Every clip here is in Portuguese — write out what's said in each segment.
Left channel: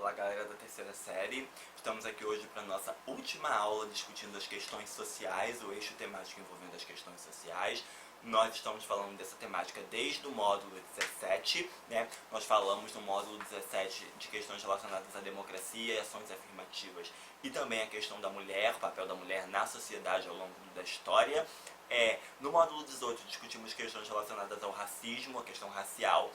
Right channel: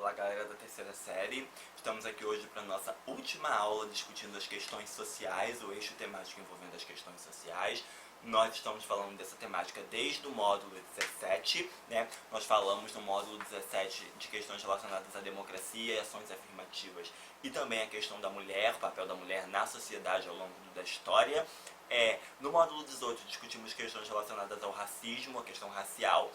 Olá galera da terceira série, estamos aqui hoje para a nossa última aula discutindo as questões sociais, o eixo temático envolvendo as questões sociais. Nós estamos falando dessa temática desde o módulo 17, né? Nós falamos no módulo 17 de questões relacionadas à democracia e ações afirmativas e também a questão da mulher, o papel da mulher na sociedade ao longo da história. No módulo 18 discutimos questões relacionadas ao racismo, a questão racial,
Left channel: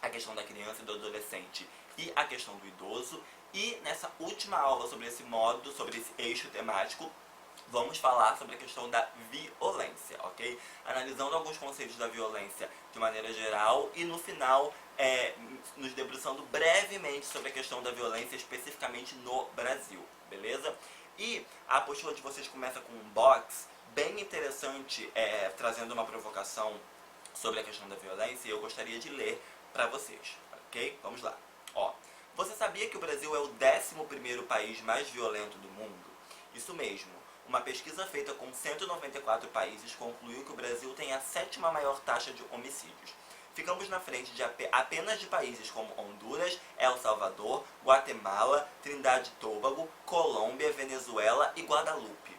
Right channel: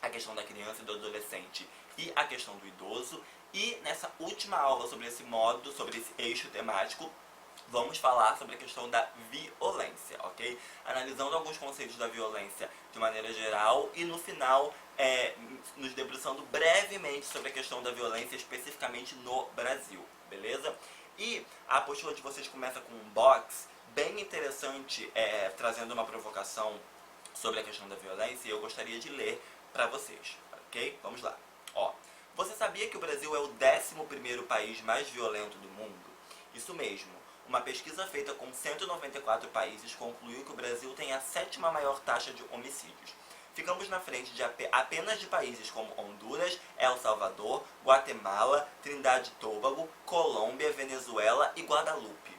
a questão da criança e do adolescente e a questão do idoso. E nessa última aula sobre esse módulo, sobre esse eixo temático, vamos falar sobre a questão da violência, ok? Analisando alguns conceitos da violência de maneira geral e no final nos debruçando brevemente sobre a questão da violência especificamente no Brasil, beleza? E a apostila de vocês começa com um box bem interessante, trazendo uma provocação sobre a questão da violência, e eu gostaria de ler para vocês, ok? Vamos lá. Você sabia que o Brasil é o 11º país mais violento do mundo? Isso mesmo. Uma pesquisa feita com 194 países concluiu que o Brasil tem a 7ª maior taxa de homicídios. Ficamos na frente de apenas de países como Honduras, El Salvador, Guatemala, Trindade e Tobago, Colômbia, Venezuela e Guadalupe.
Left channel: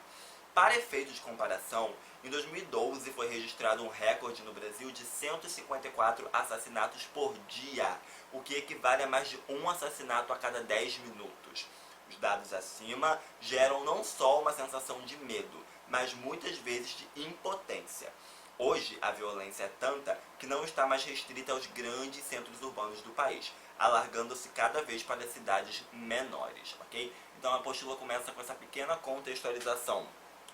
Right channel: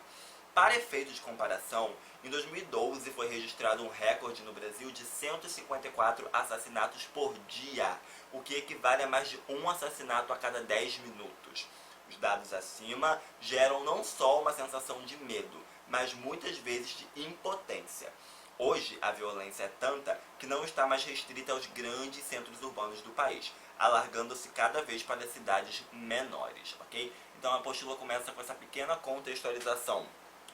Para efeitos de comparação, em 2012 foi registrado um recorde no Brasil de 154 assassinatos por dia, o que equivale a mais de um assassinato a cada 10 minutos. Os dados acima geram não só uma sensação de medo, mas muitas vezes de impotência. Hoje, a violência é tanta que não está mais restrita aos grandes centros urbanos do país, alargando-se cada vez para cidades menores, ok? Então a apostila começa com essa pequena contextualização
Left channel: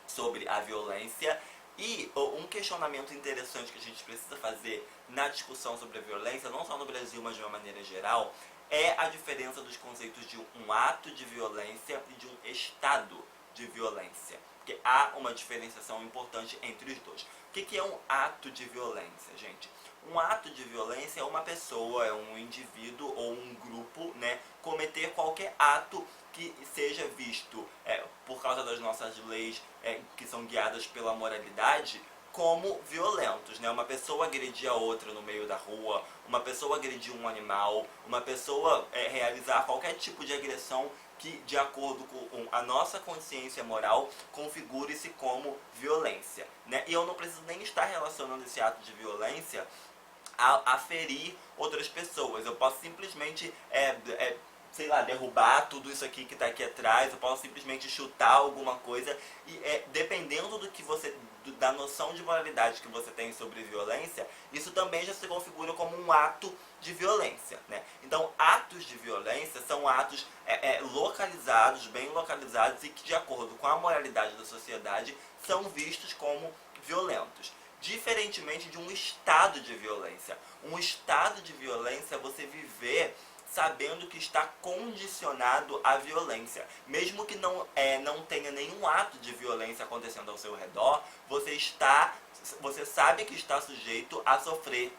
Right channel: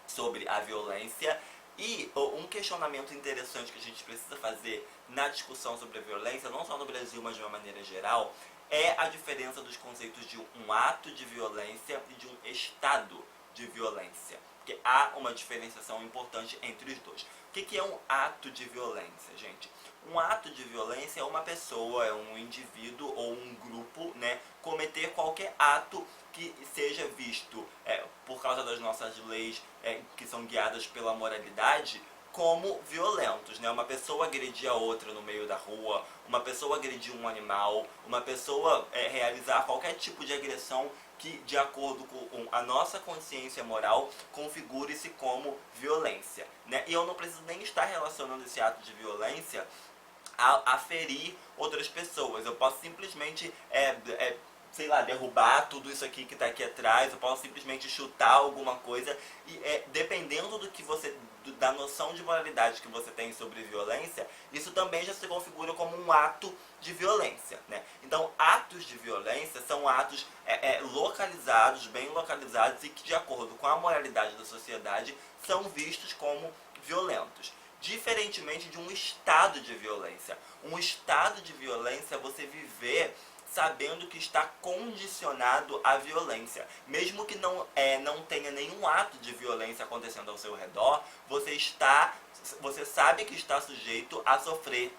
sobre a violência. E um questionamento interessante que a gente precisa fazer na discussão sobre a violência, não só no Brasil, mas de uma maneira geral, é a diferença dos conceitos de um ato de violência e de um estado de violência. Porque há uma diferenciação importante entre os dois. O que é um ato de violência, gente? Um ato de violência é uma pessoa, é um indivíduo ou um grupo, né, cometer qualquer ato que seja visto, por causa das nossas leis que são guiadas pela moralidade, como violentos, né? Uma pessoa agredir a outra no meio da rua, uma pessoa agredir um animal, uma pessoa realizar qualquer tipo de agressão que, de acordo com a nossa consciência moral, configure-se como violência, né? E eu não preciso nem estar relacionando esse ato de violência a ferir outras pessoas. Eu posso simplesmente sei lá, derrubar tudo isso aqui que está aqui atrás, eu posso simplesmente chutar alguma coisa, e dependendo do que você, da noção de moralidade que você tem sobre violência, isso também já se configura como um ato de violência, né? Então, atos de violência são atos localizados, bem localizados, e que, de acordo com a moralidade da sociedade, são vistos como violentos. Diferentemente de um estado de violência. Um estado de violência é você viver sabendo que está condicionado à violência. Mesmo que não tenha nenhum ato de violência acontecendo ao seu redor, você sabe que está sujeito a sofrer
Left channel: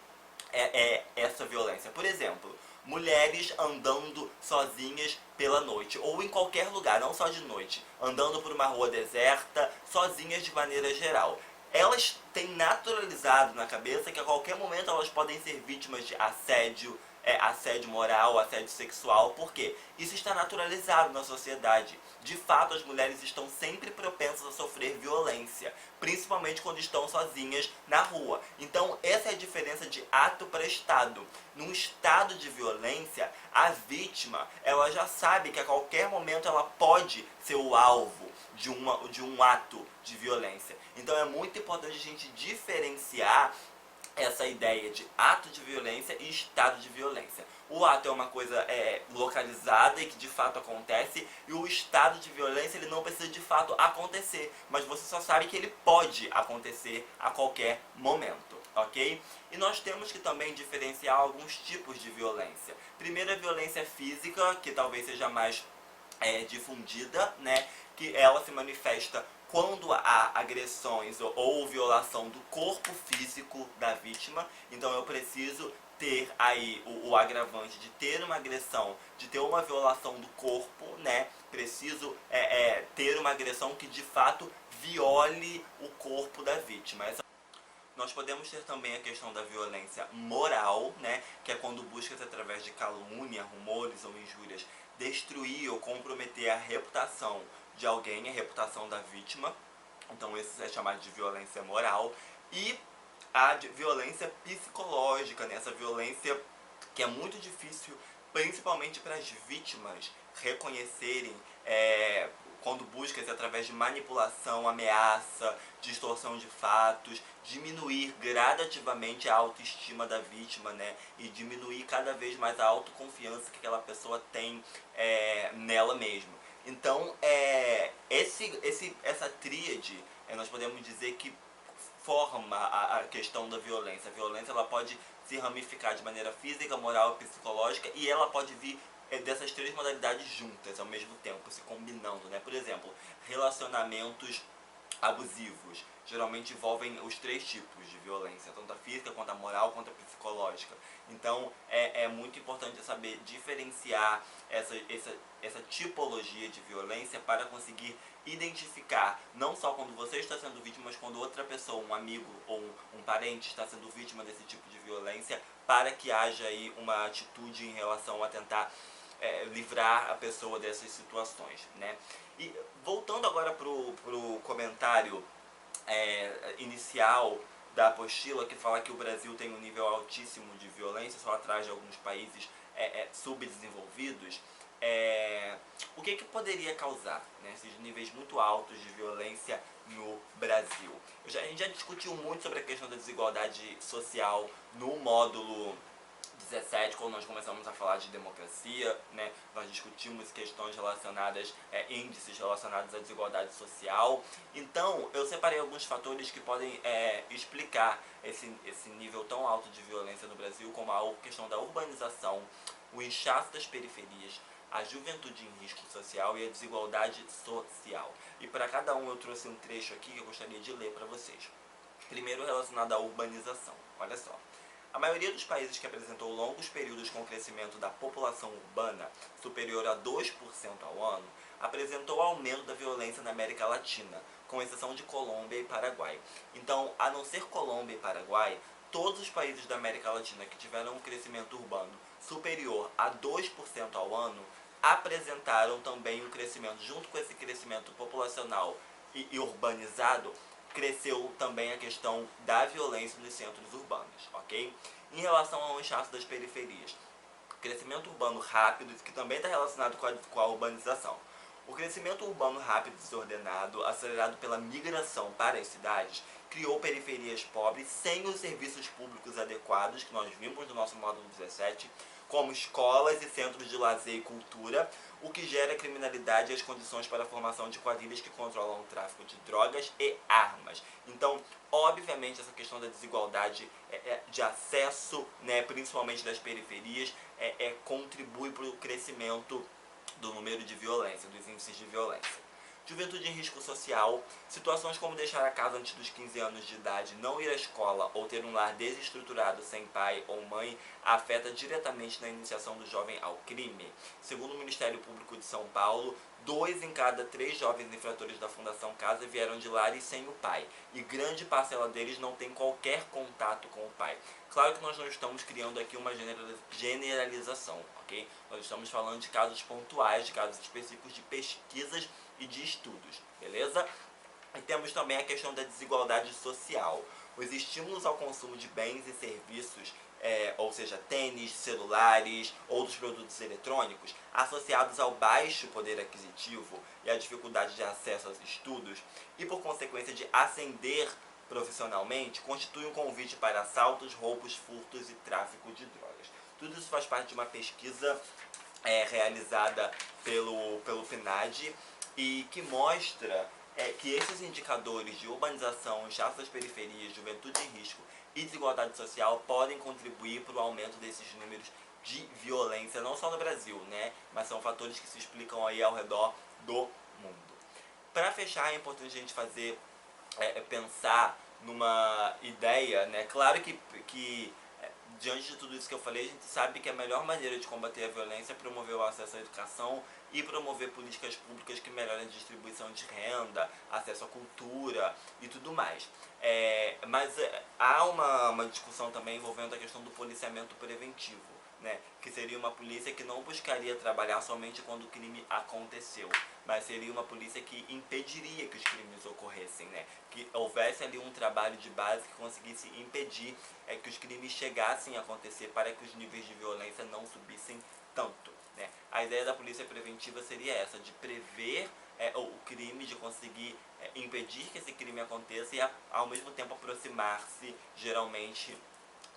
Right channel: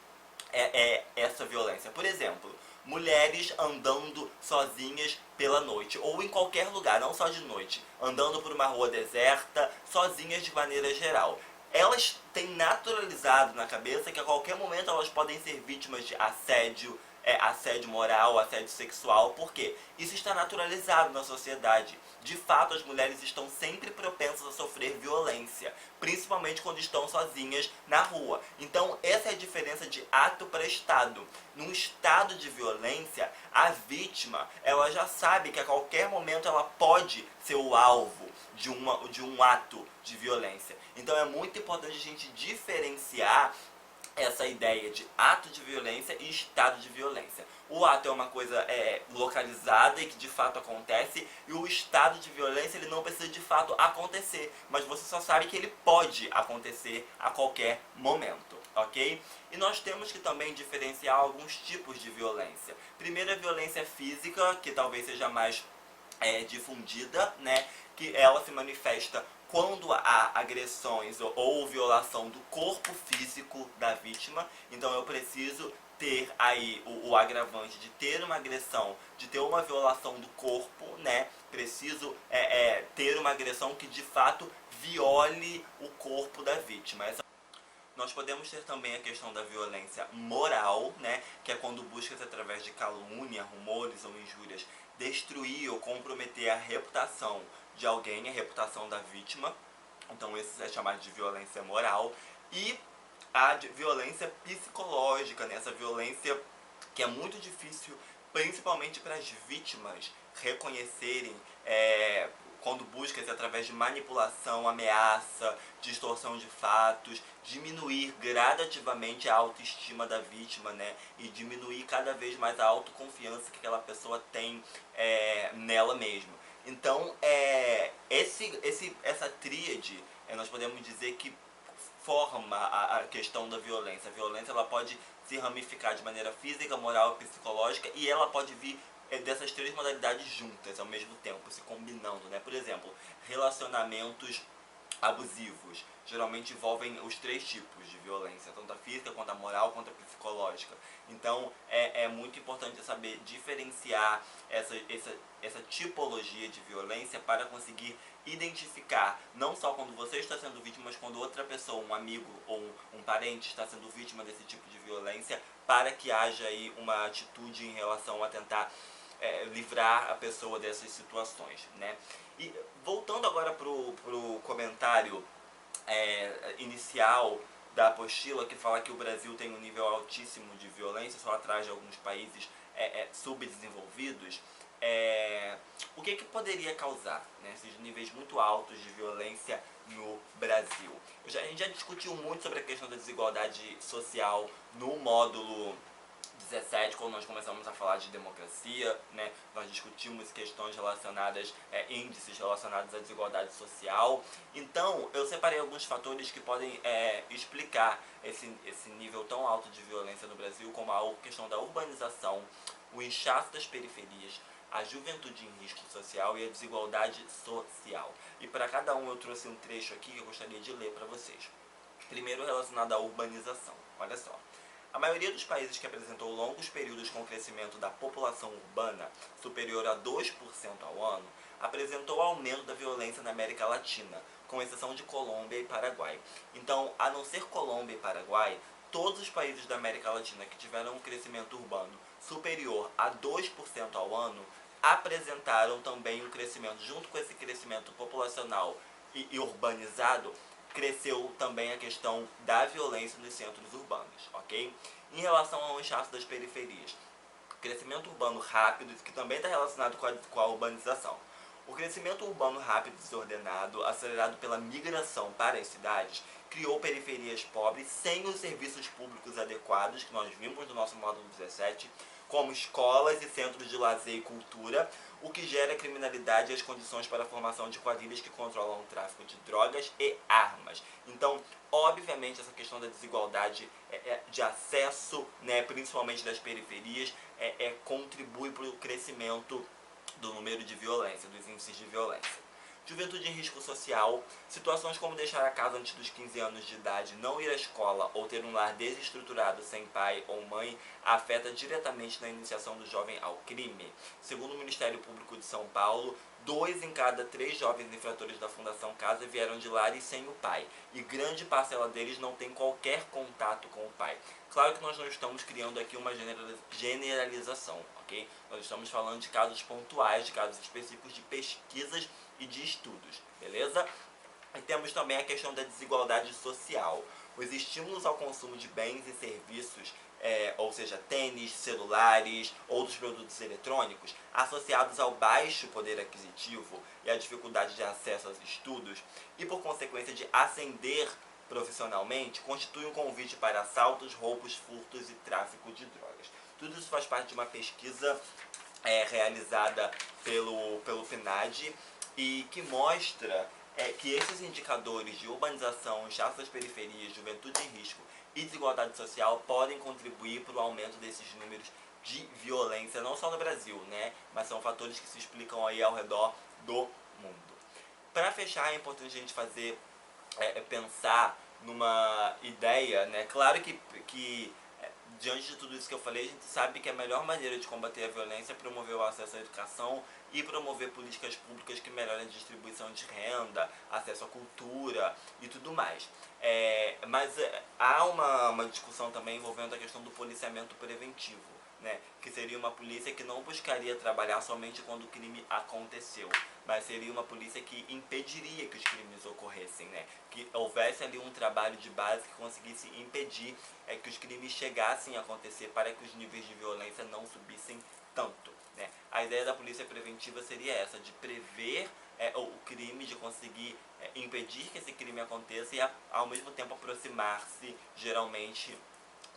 essa violência. Por exemplo, mulheres andando sozinhas pela noite, ou em qualquer lugar, não só de noite, andando por uma rua deserta, sozinhas de maneira geral. Elas têm naturalizado na cabeça que a qualquer momento elas podem ser vítimas de assédio, assédio moral, assédio sexual. Por quê? Isso está naturalizado na sociedade. De fato, as mulheres estão sempre propensas a sofrer violência, principalmente quando estão sozinhas na rua. Então, essa é a diferença de ato para estado. Num estado de violência, a vítima, ela já sabe que a qualquer momento ela pode ser o alvo de um ato de violência. Então, é muito importante a gente diferenciar essa ideia de ato de violência e estado de violência. O ato é uma coisa localizada e que de fato acontece, e o estado de violência ele não precisa de fato acontecer, mas você só sabe que ele pode acontecer a qualquer momento, ok? E nós temos que também diferenciar alguns tipos de violência. Primeiro, a violência física, que talvez seja mais difundida, né? Que ela se manifesta quando há agressões ou violação do corpo físico da vítima. Então eu preciso ter aí o agravante de ter uma agressão, de ter uma violação do corpo, né? Preciso ter uma agressão que de fato viole o corpo da vítima. Nós podemos ter também a questão da violência moral, né, que é quando busca-se através de calúnia, rumores ou injúrias destruir ou comprometer a reputação de alguém, a reputação da vítima. Então isso é chamado de violência moral. E a violência psicológica, né, essa violência que é muito difícil, principalmente para as vítimas, reconhecerem quando busca-se através de manipulação, ameaça, distorção de fatos, diminuir gradativamente a autoestima da vítima, né? E diminuir cada vez mais a autoconfiança que aquela pessoa tem nela mesma. Então, essa tríade, nós podemos dizer que forma a questão da violência. A violência ela pode se ramificar de maneira física, moral e psicológica, e ela pode vir dessas três modalidades juntas ao mesmo tempo, se combinando, né? Por exemplo, relacionamentos abusivos geralmente envolvem os três tipos de violência, tanto a física, quanto a moral, quanto a psicológica. Então é muito importante saber diferenciar essa tipologia de violência para conseguir identificar, não só quando você está sendo vítima, mas quando outra pessoa, um amigo ou um parente está sendo vítima desse tipo de violência, para que haja aí uma atitude em relação a tentar livrar a pessoa dessas situações, né? E voltando agora pro comentário inicial da apostila, que fala que o Brasil tem um nível altíssimo de violência, só atrás de alguns países subdesenvolvidos, o que poderia causar, né, esses níveis muito altos de violência no Brasil? A gente já discutiu muito sobre a questão da desigualdade social no módulo 17, quando nós começamos a falar de democracia, né, nós discutimos questões relacionadas, índices relacionados à desigualdade social. Então, eu separei alguns fatores que podem explicar esse nível tão alto de violência no Brasil, como a questão da urbanização, o inchaço das periferias, a juventude em risco social e a desigualdade social. E para cada um eu trouxe um trecho aqui que eu gostaria de ler para vocês. Primeiro, relacionado à urbanização. Olha só. A maioria dos países que apresentou longos períodos com crescimento da população urbana, superior a 2% ao ano, apresentou aumento da violência na América Latina, com exceção de Colômbia e Paraguai. Então, a não ser Colômbia e Paraguai, todos os países da América Latina que tiveram um crescimento urbano superior a 2% ao ano, apresentaram também um crescimento, junto com esse crescimento populacional e urbanizado, cresceu também a questão da violência nos centros urbanos, ok? Em relação ao inchaço das periferias, crescimento urbano rápido, que também está relacionado com a urbanização. O crescimento urbano rápido e desordenado, acelerado pela migração para as cidades, criou periferias pobres sem os serviços públicos adequados, que nós vimos no nosso módulo 17, como escolas e centros de lazer e cultura, o que gera criminalidade e as condições para a formação de quadrilhas que controlam o tráfico de drogas e armas. Então, obviamente, essa questão da desigualdade de acesso, né, principalmente das periferias, contribui para o crescimento do número de violência, dos índices de violência. Juventude em risco social, situações como deixar a casa antes dos 15 anos de idade, não ir à escola ou ter um lar desestruturado sem pai ou mãe, afeta diretamente na iniciação do jovem ao crime. Segundo o Ministério Público de São Paulo, 2 em cada 3 jovens infratores da Fundação Casa vieram de lares sem o pai, e grande parcela deles não tem qualquer contato com o pai. Claro que nós não estamos criando aqui uma generalização, ok? Nós estamos falando de casos pontuais, de casos específicos, de pesquisas e de estudos, beleza? E temos também a questão da desigualdade social. Os estímulos ao consumo de bens e serviços, ou seja, tênis, celulares, outros produtos eletrônicos, associados ao baixo poder aquisitivo e à dificuldade de acesso aos estudos, e por consequência de ascender profissionalmente, constitui um convite para assaltos, roubos, furtos e tráfico de drogas. Tudo isso faz parte de uma pesquisa realizada pelo PNAD, e que mostra que esses indicadores de urbanização, inchaço das periferias, juventude em risco e desigualdade social podem contribuir para o aumento desses números de violência, não só no Brasil, né, mas são fatores que se explicam aí ao redor do mundo. Para fechar, é importante a gente pensar numa ideia, né, claro que diante de tudo isso que eu falei, a gente sabe que a melhor maneira de combater a violência é promover o acesso à educação e promover políticas públicas que melhorem a distribuição de renda, acesso à cultura e tudo mais. Mas há uma discussão também envolvendo a questão do policiamento preventivo, né? Que seria uma polícia que não buscaria trabalhar somente quando o crime aconteceu, mas seria uma polícia que impediria que os crimes ocorressem, né? Que houvesse ali um trabalho de base que conseguisse impedir que os crimes chegassem a acontecer para que os níveis de violência não subissem tanto, né? A ideia da polícia preventiva seria essa, de prever o crime, de conseguir impedir que esse crime aconteça e ao mesmo tempo aproximar-se geralmente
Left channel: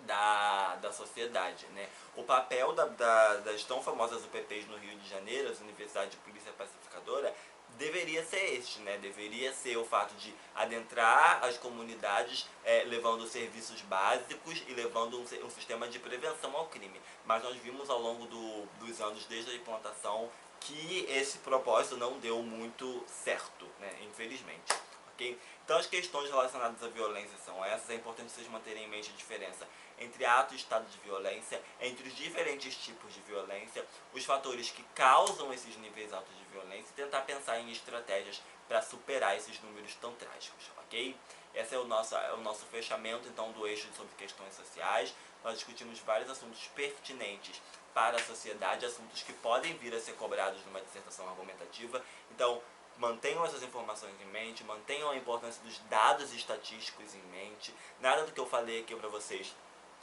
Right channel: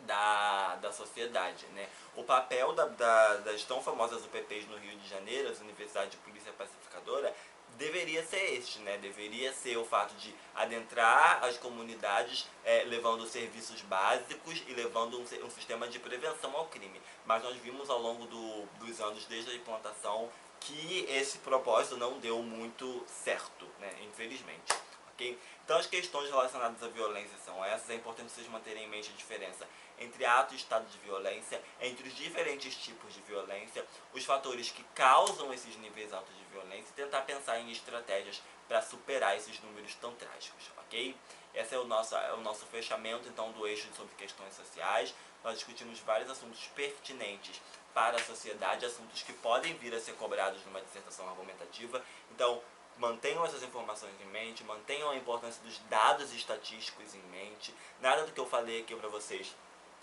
da sociedade, né? O papel das tão famosas UPPs no Rio de Janeiro, as Universidades de Polícia Pacificadora, deveria ser este, né? Deveria ser o fato de adentrar as comunidades levando serviços básicos e levando um sistema de prevenção ao crime. Mas nós vimos ao longo dos anos, desde a implantação, que esse propósito não deu muito certo, né? Infelizmente. Okay? Então as questões relacionadas à violência são essas. É importante vocês manterem em mente a diferença entre ato e estado de violência, entre os diferentes tipos de violência, os fatores que causam esses níveis altos de violência e tentar pensar em estratégias para superar esses números tão trágicos, ok? Esse é o nosso fechamento então do eixo sobre questões sociais. Nós discutimos vários assuntos pertinentes para a sociedade, assuntos que podem vir a ser cobrados numa dissertação argumentativa. Então, mantenham essas informações em mente, mantenham a importância dos dados estatísticos em mente. Nada do que eu falei aqui para vocês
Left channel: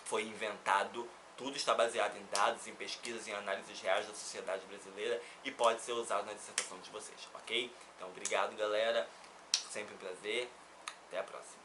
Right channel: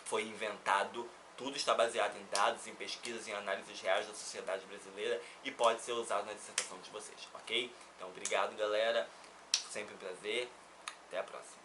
foi inventado, tudo está baseado em dados, em pesquisas, em análises reais da sociedade brasileira e pode ser usado na dissertação de vocês, ok? Então, obrigado, galera. Sempre um prazer. Até a próxima.